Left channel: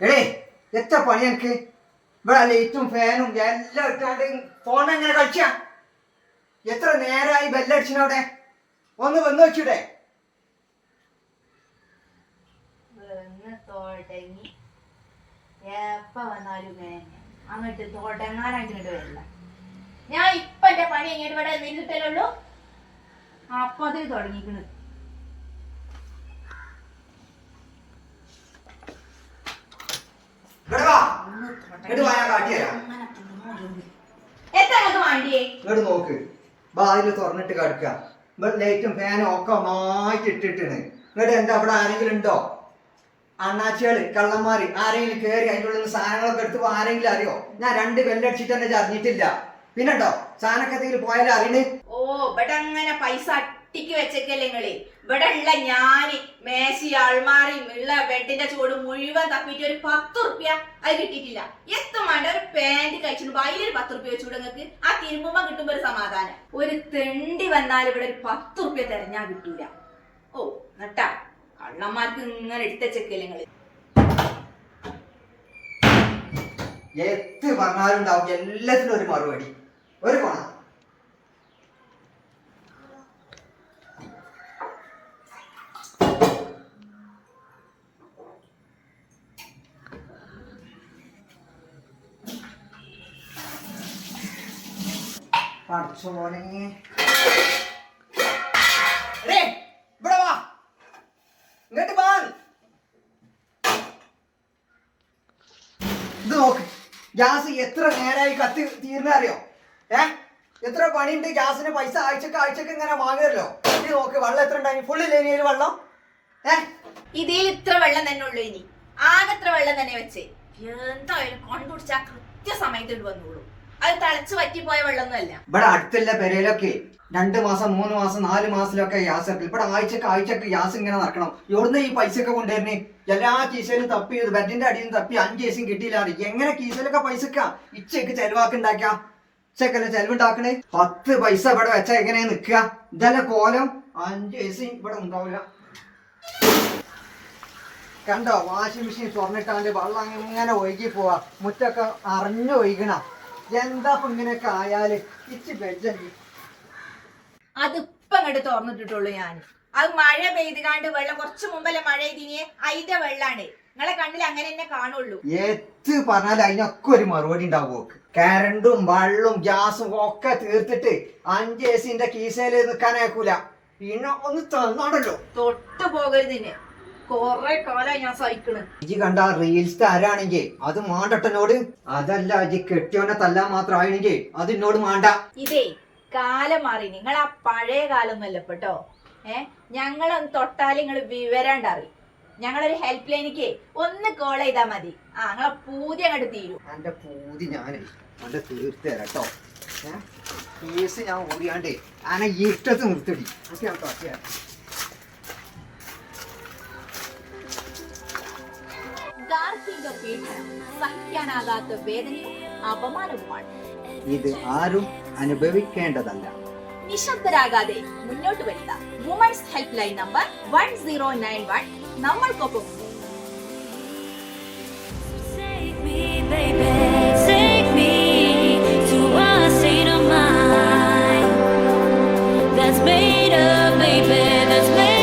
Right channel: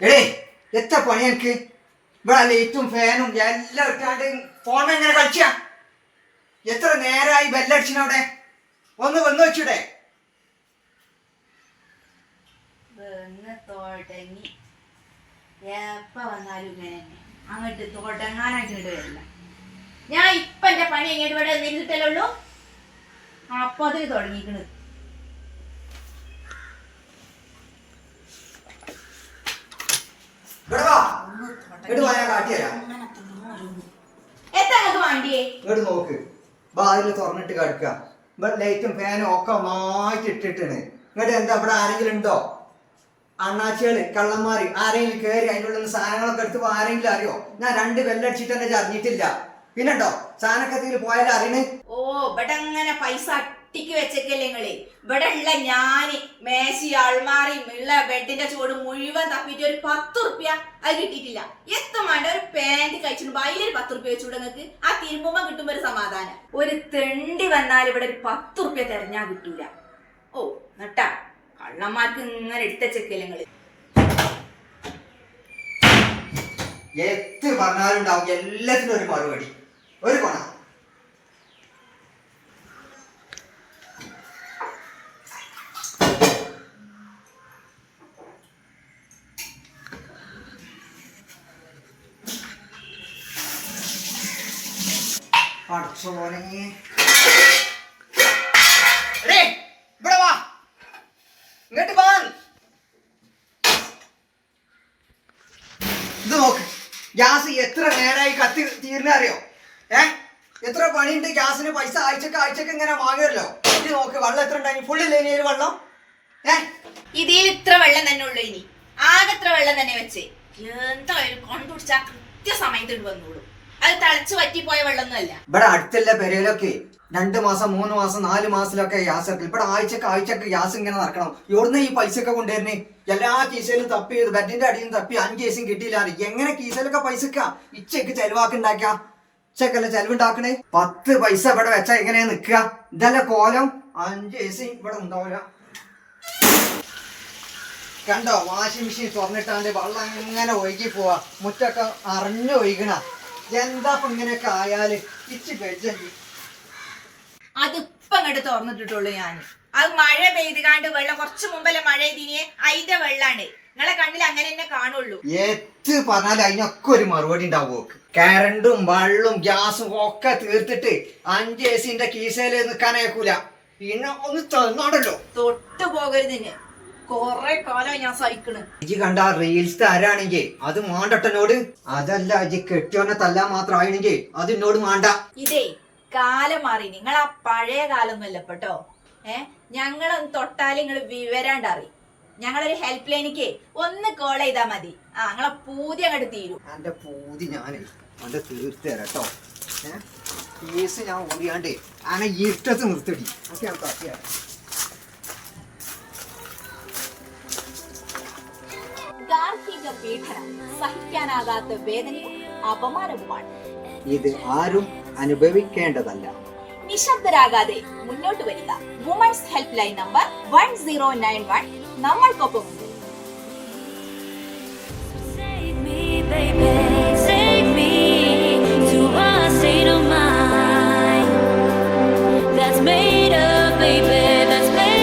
എടേ എത്ര പണി എനിക്ക്? ഇവിടെ ലൈറ്റും ഫാനും എല്ലാം ഇട്ടാണ്ട് ഫോൺ എങ്ങനെ കളിച്ച? എത്ര നേരമായി ബെല്ലടിച്ചിനോടെ ഒന്ന് വന്നു വെച്ചൂടെ? തുടങ്ങി. എപ്പ വന്നാലും ഇങ്ങനെ അങ്ങോട്ട് തുടങ്ങാനായിട്ട് ഇങ്ങോട്ട് വരില്ല. ഞാൻ ഇപ്പൊ എന്റെ പണി എങ്ങനെ ഇവിടെ നിന്നിട്ടല്ലേ ഉള്ളൂ? അപ്പൊ അതിന് തുടങ്ങിക്കണ് ഇവിടെ വാ ഇങ്ങോട്ട് വായ കാട്ടിത്തരാം. എത്ര നമുക്ക് വേണ്ടിയേ? ഇങ്ങോട്ട് നോക്ക്. വാതിൽ തുറന്നിട്ട് കിടക്കുക ഇവിടെ ലൈറ്റും ഫാനും ഒക്കെ മാറ്റി ഇട്ടിട്ടാണ്. ഇങ്ങോട്ട് എന്താ ഇവിടെ ആരെങ്കിലും ഉണ്ടോ? അണ്ണാച്ചികൾ കള്ളന്മാര് ആരെങ്കിലും കയറി അതിന്റെ ഉള്ളിൽ സാധനങ്ങളൊക്കെ എടുത്ത് ആരെങ്കിലും അറിയോ? ഞാൻ രണ്ട് ബെല്ലടിച്ചിട്ട് തന്നെ അറിഞ്ഞിട്ടില്ല പിന്നെട്ടോ സാധനക്കത്തിൽ പോയാലും അറിയണേ ഓ ഇവിടെ അങ്ങനെ പൈസ അട്ടിക്ക് വെച്ചേക്കല്ലേ നിങ്ങൾ? ഇവിടെ ഉള്ള ഞാൻ മേശി അൾമാറി ഉള്ള ബെഡിന്റെ ചൂട് മുഴുവൻ തപ്പിട്ട് ഒരു പത്ത് റുപ്യ അത് കിട്ടിയിട്ടില്ല. എത്തും വേണ്ട? ഒരു പാന്റ് കഴിച്ചിട്ട് അതിലൊരു പത്ത് റുപ്യ വെച്ചുകൂടെ നിങ്ങൾക്ക് ആ തിരുമ്പുമ്പോ കിട്ടുമ്പോ ഒരു സമാധാനം. ഒരു തെണ്ടി വന്നാൽ ഇവിടെ ഒരു പത്ത് റുപ്യ തെരഞ്ഞാ കിട്ടൂല. ഓ നട്ടാ. കള്ളന്മാർക്ക് ഇങ്ങനെ എടുത്തച്ചേക്കല്ലേ നിങ്ങൾ? എത്ര പറഞ്ഞാലും ഉണ്ടാവും. എല്ലാത്തിനും ഒരു മറുപടി. ഒരു കൊണ. എടേ, ഇവിടെ ഇങ്ങോട്ട് വാ നോക്ക് ഗ്യാസ് എത്ര നേരമായി കത്തി തീർന്ന അറിയോ? ഏ? എത്ര പണിയുണ്ട് ഗ്യാസിന്? പൈസ ആഴ്ചക്ക് ആഴ്ചക്ക് ഇങ്ങനെ വാങ്ങുമല്ലോ ഇത് നോക്ക് വെള്ളം എത്ര ഉണ്ടായി? ഫുള്ളില്ലേ ഇനി വെള്ളം? ഏ? ഇതിൽ ഇത്ര വെള്ളം തന്നെ ഉള്ളു ഇനി. ആകെ ഇത്ര വെള്ളം തന്നെ വെച്ചേ. എന്തായാലും കൊണ്ടുപിടിച്ചാ കൃത്യസമയത്ത് വന്നോളൂ. അത് തിളച്ച് പറ്റിപ്പോയ വെള്ളമൊന്നുമല്ല. ഇവിടെ അടുത്തുള്ള പെരയിലൊക്കെ രണ്ട് മാസം മൂന്ന് മാസം നാല് മാസത്തിലൊക്കെ ഗ്യാസ് ഇറക്കി ഇവിടെ ആഴ്ചക്ക് ആഴ്ചക്ക് ഗ്യാസ് ഇങ്ങനെ നടക്കണം. എവിടുന്ന് ഈ പൈസ ഒക്കെ കൊണ്ടുവരുന്നേ? എല്ലാ കീശയിലും തപ്പി ബെഡിന്റെ അടിയിൽ തപ്പി അഞ്ച് കേസും കിട്ടിയില്ല എങ്ങനെ കീശയിലൊക്കെ പൈസക്ക ഇച്ചക്ക് ചെലവാക്കുണ്ടാക്ക ഇച്ചക്കല്ല ചെലവുണ്ടാക്കണേ? പത്ത് പൈസ ഇവിടെ വെച്ചാ എങ്ങനെയാ നിക്കുക ഇതല്ല കോലം? അഞ്ച് കേസും ഇവിടെ ഉണ്ടാവില്ല. കണ്ടോ വാഷിംഗ് മെഷീൻ തുറന്നിട്ടാണ്ട് വെള്ളം ഇങ്ങനെ ഒഴുകി പോവാ. മുറ്റൊക്കെ അറിഞ്ഞു ഒഴുകണ. എന്താ ഇങ്ങനെയൊക്കെ ആയാൽ? ഇച്ച് അതിപ്പൊ അങ്ങോട്ട് തുറന്നിട്ടിട്ടുള്ളൂ ഞാൻ അത് മഴ പെയ്തുകാണ്ട് വെള്ളം കുറച്ച് മുമ്പല്ലേ മഴ ഇതിനെ അതിന്റെ വെള്ളാണ്. നിങ്ങളെ കണ്ണിൽ അങ്ങനെ തന്നെ കാണുള്ളൂ. എത്ത് പറഞ്ഞാൽ അതിനൊക്കെ ഒരു മറുപടി ഉണ്ടാവും കരണ്ടും വെള്ളവും ഗ്യാസും ഒക്കെ തീർത്തിട്ട് അഞ്ച് എ സിന്റെ കീസയിൽ നിൽക്കാനേക്കൂല പിന്നെ ഒന്ന് തന്നാണല്ലോ. തൊട്ടു പോകരുതിന് കൊറേ കാലമായി ഞാൻ സഹിക്കണ്. ഇജി കണ്ട റീൽസ് ആരാണെങ്കിൽ അത് മാണ്ടട്ടനോട്? അതല്ല ഇജി കെട്ടിയോനെ തല്ലാൻ മാത്രം ആണെങ്കിൽ അത് എന്നോട് മാണ്ട. ഇതേ കാലം മാറി. നിങ്ങൾ ആ പഴയ കാലമൊന്നുമല്ല കേട്ടോ ഏ? ഞങ്ങളൊന്ന് തൊട്ടാലും നിങ്ങൾ വിവരാണ്ട് അറിയും ഞങ്ങളൊരു ഹെൽപ്പ് ലൈനിക്ക് ഒന്ന് കോൾ ചെയ്താ മതി. ആ ഞങ്ങളെ പൂതി അങ്ങോട്ട് തീരും. എന്റെ പൂതി ഞാൻ അവന്റെ തീർത്ത് തരാം കേട്ടോ ഏഹ് കേസ് ഞാൻ ഓടിയാണ്ട് ആനെ ഇരുട്ടത്ത് നിർത്തിടി. അത് ഞാൻ പീഡനം സഹിക്കാനാകാത്ത വേദനയും അപമാനവുമാണ്. ഇത് ആരും അനുഭവിക്കേണ്ടതല്ല. നിശബ്ദരാകാതെ മുന്നോട്ട് വരിക. Women's helpline number one zero nine one നമ്മൾക്കൊപ്പം Take me, baby, take me to a state of mind that's made up, baby, that's made up.